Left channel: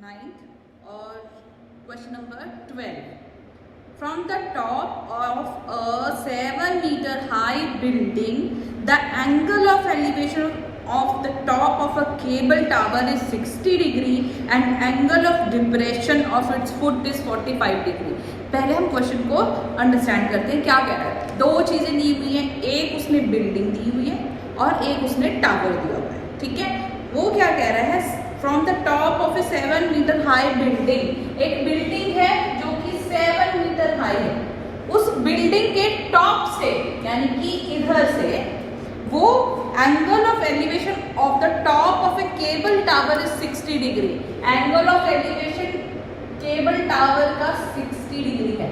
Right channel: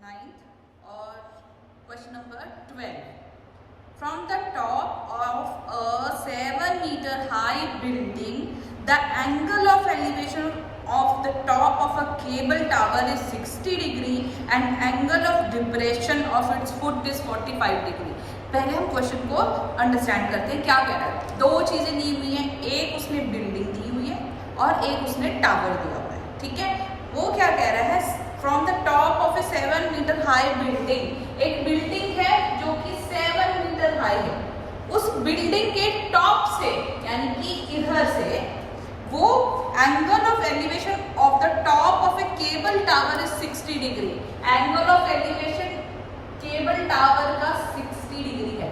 9th और question number 12. From the top of a 7 meter high building, the angle of elevation of the top of a cable tower is 60 degree and angle of depression of its foot is 45 degree. पहले हम question को understand करते हैं क्या कह रहा है. दो चीजें दी हुई हैं, एक उसने बिल्डिंग दी हुई है और एक उसने टावर दिया हुआ है. ठीक है, वो क्या कह रहा है, from the top of a 7 meter high building, एक बिल्डिंग है जो कि 7 मीटर हाई है, उस बिल्डिंग के टॉप से यानी कि इधर से वो angle of elevation of the top of A cable tower is 60 degree. Angle of elevation cable tower का 60 डिग्री है.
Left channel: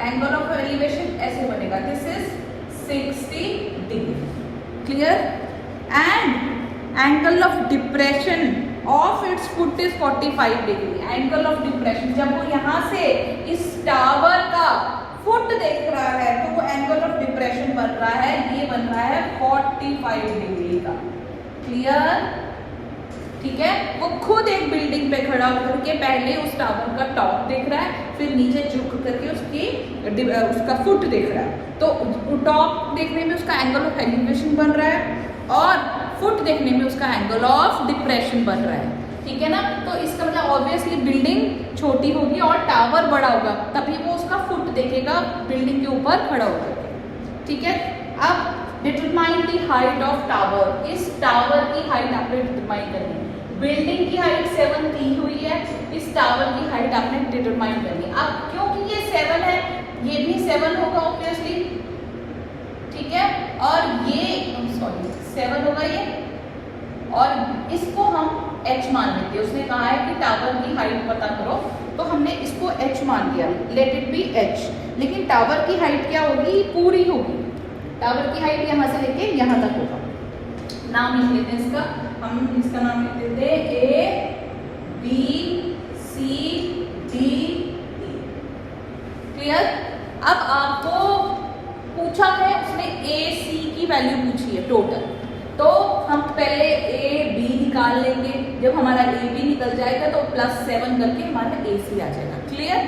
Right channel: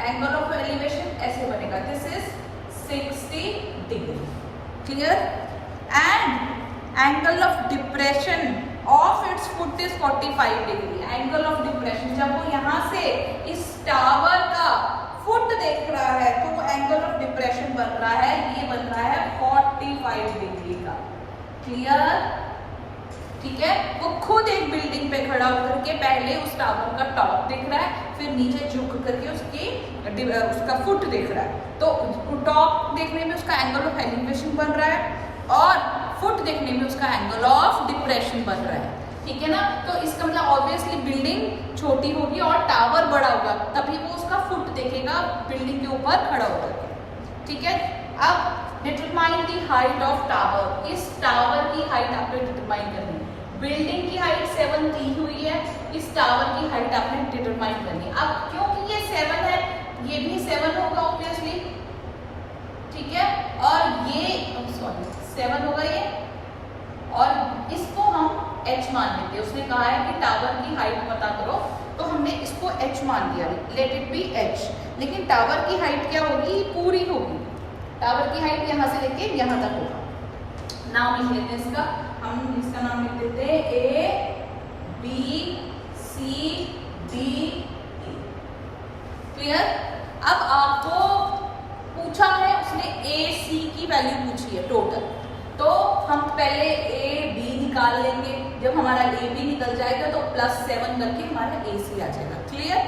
एंगल ऑफ एलिवेशन ऐसे बनेगा, this is 60 degree. Clear. And angle of depression of its foot is 45 degree. Angle of depression, जब वो यहाँ से इस tower का फुट देख रहा है तो वो एंगल ऑफ डिप्रेशन बन रहा है, ये बन रहा है 45 डिग्री का. क्लियर. ठीक है, वो खुद एक बिल्डिंग पे खड़ा होकर के पहले उस टावर का टॉप देख रहा है, फिर नीचे झुक करके उसका फुट देख रहा है. तो टॉप देखने में उसका एंगल ऑफ एलिवेशन बन रहा है और फुट देखने में उसका एंगल ऑफ डिप्रेशन बन रहा है. ठीक है ना. तो इसका मतलब ऑब्वियसली बिल्डिंग छोटी होगी और टावर बड़ा होगा, तभी वो उसका फुट देखेगा बिल्डिंग के ऊपर खड़ा होकर के. ठीक है. अब determine the height of tower. इस टावर की हाइट आपने डिटरमाइन करनी है. बिल्डिंग की हाइट 7 दी हुई है, इस टावर की हाइट आपने डिटरमाइन करनी है. अब क्योंकि ये 7 है, ये भी 7 होगा ऑब्वियसली. ठीक है. और ये 7 होगा ये, और इसको हम h मान लेते हैं. उसने कहा है कि टावर की हाइट पता करो, तो हमने इसको h मान लिया, लेट इट बी h. लेकिन टावर की हाइट क्या होगी, पूरी होगी. टावर की हाइट यहाँ से लेके यहाँ तक होगा. नाम लिख लेते हैं इसका, हम इसका नाम लिख देते हैं A B C D E. Clear. अब आपको पूछा है, उसने A C की वैल्यू पूछी है टोटल, तो हम पहले A B निकाल लेंगे. जब हमारा A B निकल जाएगा तो +7 करके हमारा A C आ जाएगा. क्लियर.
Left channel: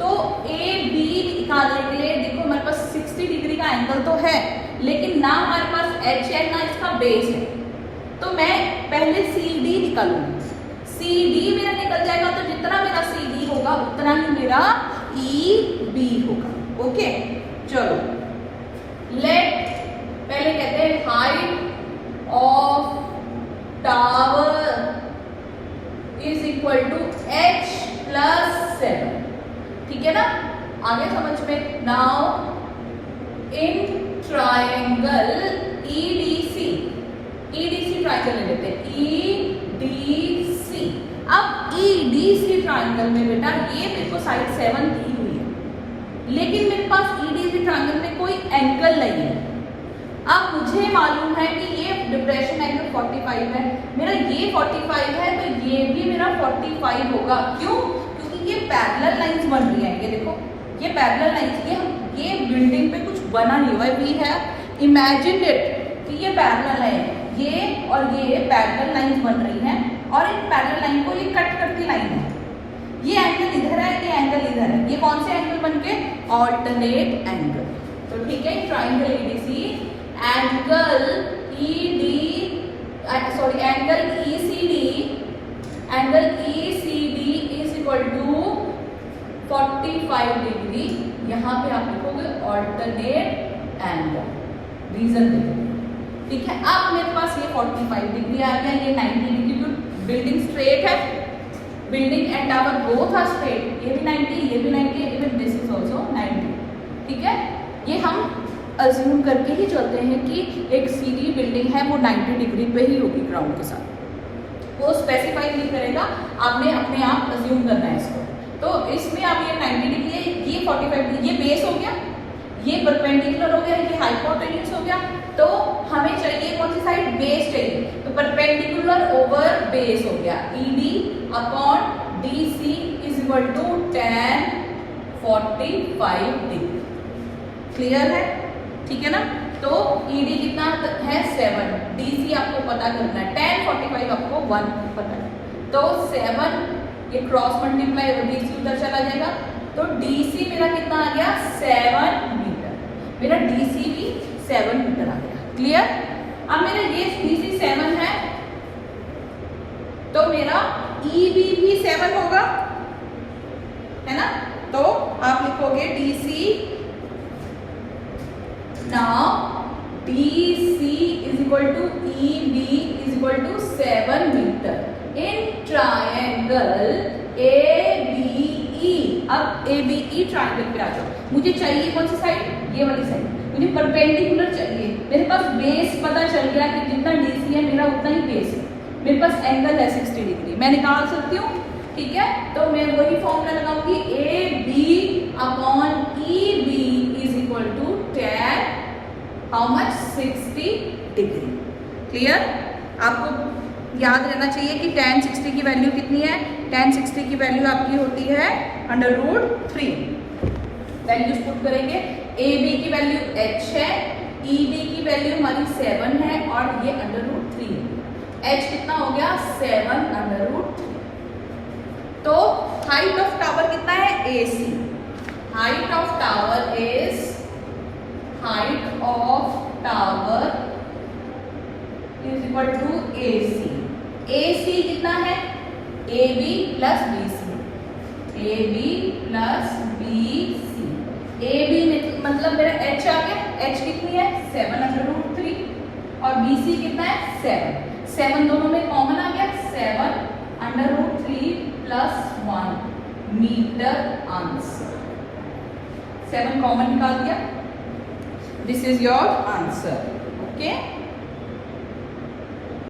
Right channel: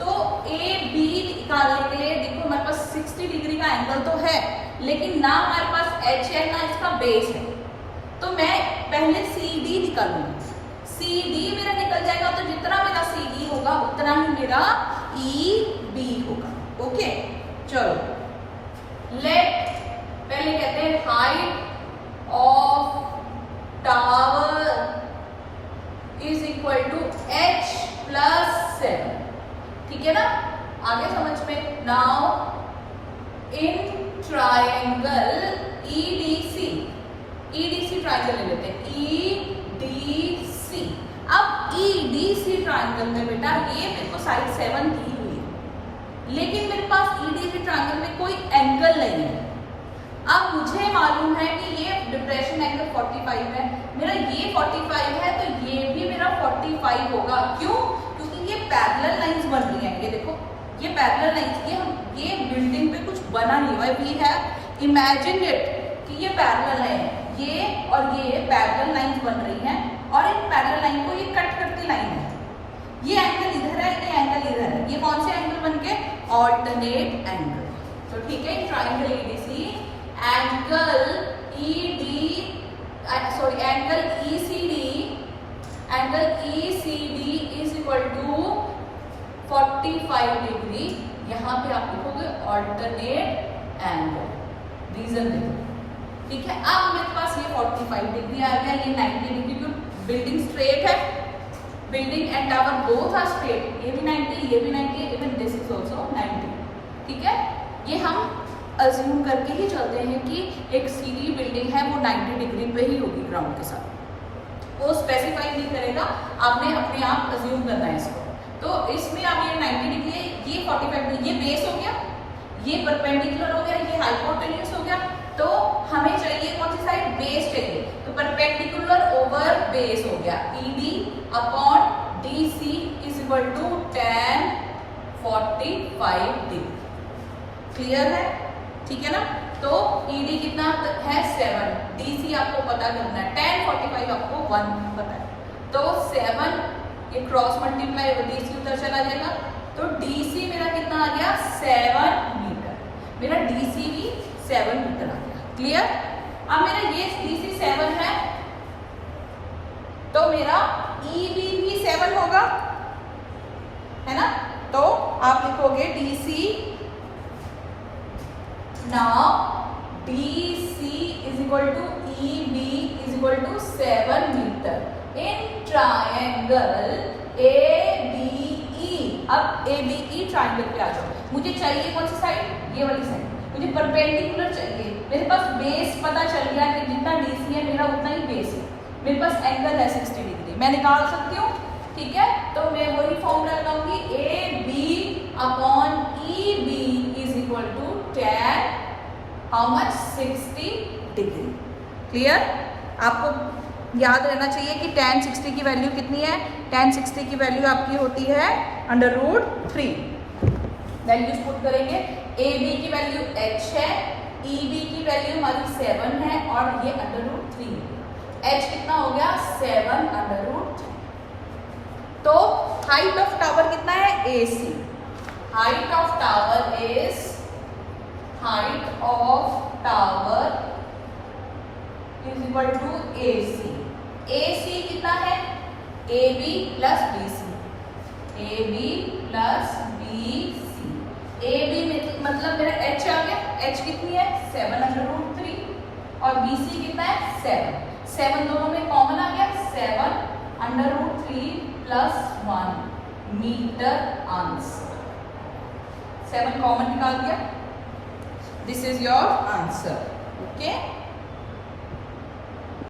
तो A B निकालने के लिए देखो हमारे पास 60 डिग्री का एंगल तो है, लेकिन ना हमारे पास H है ना इसका बेस है, तो मैं पहले CD निकालूंगी. CD मेरा निकल जाएगा, तो जितना मेरा CD होगा उतना ही मेरा EB होगा. ओके. चलो, लेट पहले कहते हैं height of tower is equal to H + 7. ठीक है ना. आगे समझ में. Now in triangle EDC triangle ले लेते हैं, EDC. अब EDC ट्रायंगल में बेटा ये मेरे को साइड 7 दी हुई है, लेकिन मेरे पास EDC ट्रायंगल में कोई एंगल नहीं है. अब मुझे मालूम है कि ये डिप्रेशन एंगल 45 है, मेरा ये 45 है, तो ये भी मेरा 45 होगा. क्यों? क्योंकि ये पैरेलल लाइंस बन रही हैं. ये देखो, ये पैरेलल लाइंस, ये बिल्डिंग पे कुछ बना नहीं हुआ है. वी हैव इमेजिन इट कि ये पैरेलल है, ये और ये पैरेलल लाइंस बन रही हैं, और एक पैरेलल लाइन को ये कट करती लाइन है. ये एंगल इधर है, ये एंगल इधर है. ये कौन से एंगल बन के, ऑल्टरनेट एंगल. तो ठीक है, triangle EDC, angle ECD is equal to 45 degree. यहाँ पे आप लिखोगे ऑल्टरनेट एंगल, रीजन देखो. ठीक है. अब मेरे पास ये 45 डिग्री आ गया, ये 90 डिग्री. बिल्डिंग स्ट्रेट है, building and tower both are straight. ये भी 90, ये भी 90, इवन दिस इज आल्सो 90. ठीक है. ये हम अज्यूम करके ही चलते हैं कि एक सीधी बिल्डिंग है, वो 90 डिग्री पे ही होगी ग्राउंड के साथ. वो स्पेसिफाई नहीं करेगा, आपने अपने आप अज्यूम करना है इसको. तो इसमें आप ये 90 डिग्री है, ये 45 डिग्री, ये बेस हो गया, ये परपेंडिकुलर हो गया, ये हाइपोटेन्यूज हो गया. तो हमें चाहिए कौन सी साइड, बेस चाहिए. तो परपेंडिकुलर ओवर बेस हो गया, ED upon DC is equal to tan 45 degree. Clear है. ठीक है ना. तो ED कितना है, 7. DC आपको पता करना है, tan 45 आपको 1 पता है. तो 7 ये क्रॉस मल्टीप्लाई और DC उधर चला जाएगा, तो DC मेरा कितना आ गया 7 मीटर, मेरा DC भी 7 मीटर आ गया। क्लियर? अब मेरा ये DC 7 है तो मेरा EB भी 7 होगा, है ना? तो आप लिखोगे DC, now DC is equal to EB is equal to 7 meter in triangle ABE। अब ABE ट्रायंगल पे आ जाओ, मुझे चाहिए कौन सी साइड? ये वाली साइड, मुझे परपेंडिकुलर चाहिए। मेरे पास बेस पता चल गया कि जितना DC है मेरा उतना ही बेस है, मेरे पास एंगल है 60 डिग्री, मैं निकाल सकती हूँ। ठीक है, तो मैं वही फॉर्मूला लगाऊंगी, AB upon EB is equal to tan how much 60 degree. Clear? आपको याद रहना चाहिए कि tan 60 की वैल्यू कितनी है? tan 60 की वैल्यू आपकी होती है √3। वैल्यूज पुट करेंगे, AB की वैल्यू h है, EB की वैल्यू हमारी 7 है और ये √3 है। h कितना हो गया 7 √3। तो हाइट ऑफ टावर कितना है? AC। Height of tower is, height of tower is equal to AC। AC कितना है? AB plus BC, AB plus BC। AB में मतलब मेरा h आ गया, h कितनी है 7 √3 और BC कितना है 7। 7 दोनों में कॉमन आ गया, 7 √3 प्लस 1 मीटर आंसर। 7 कॉमन निकाल दिया, दिस इज योर आंसर।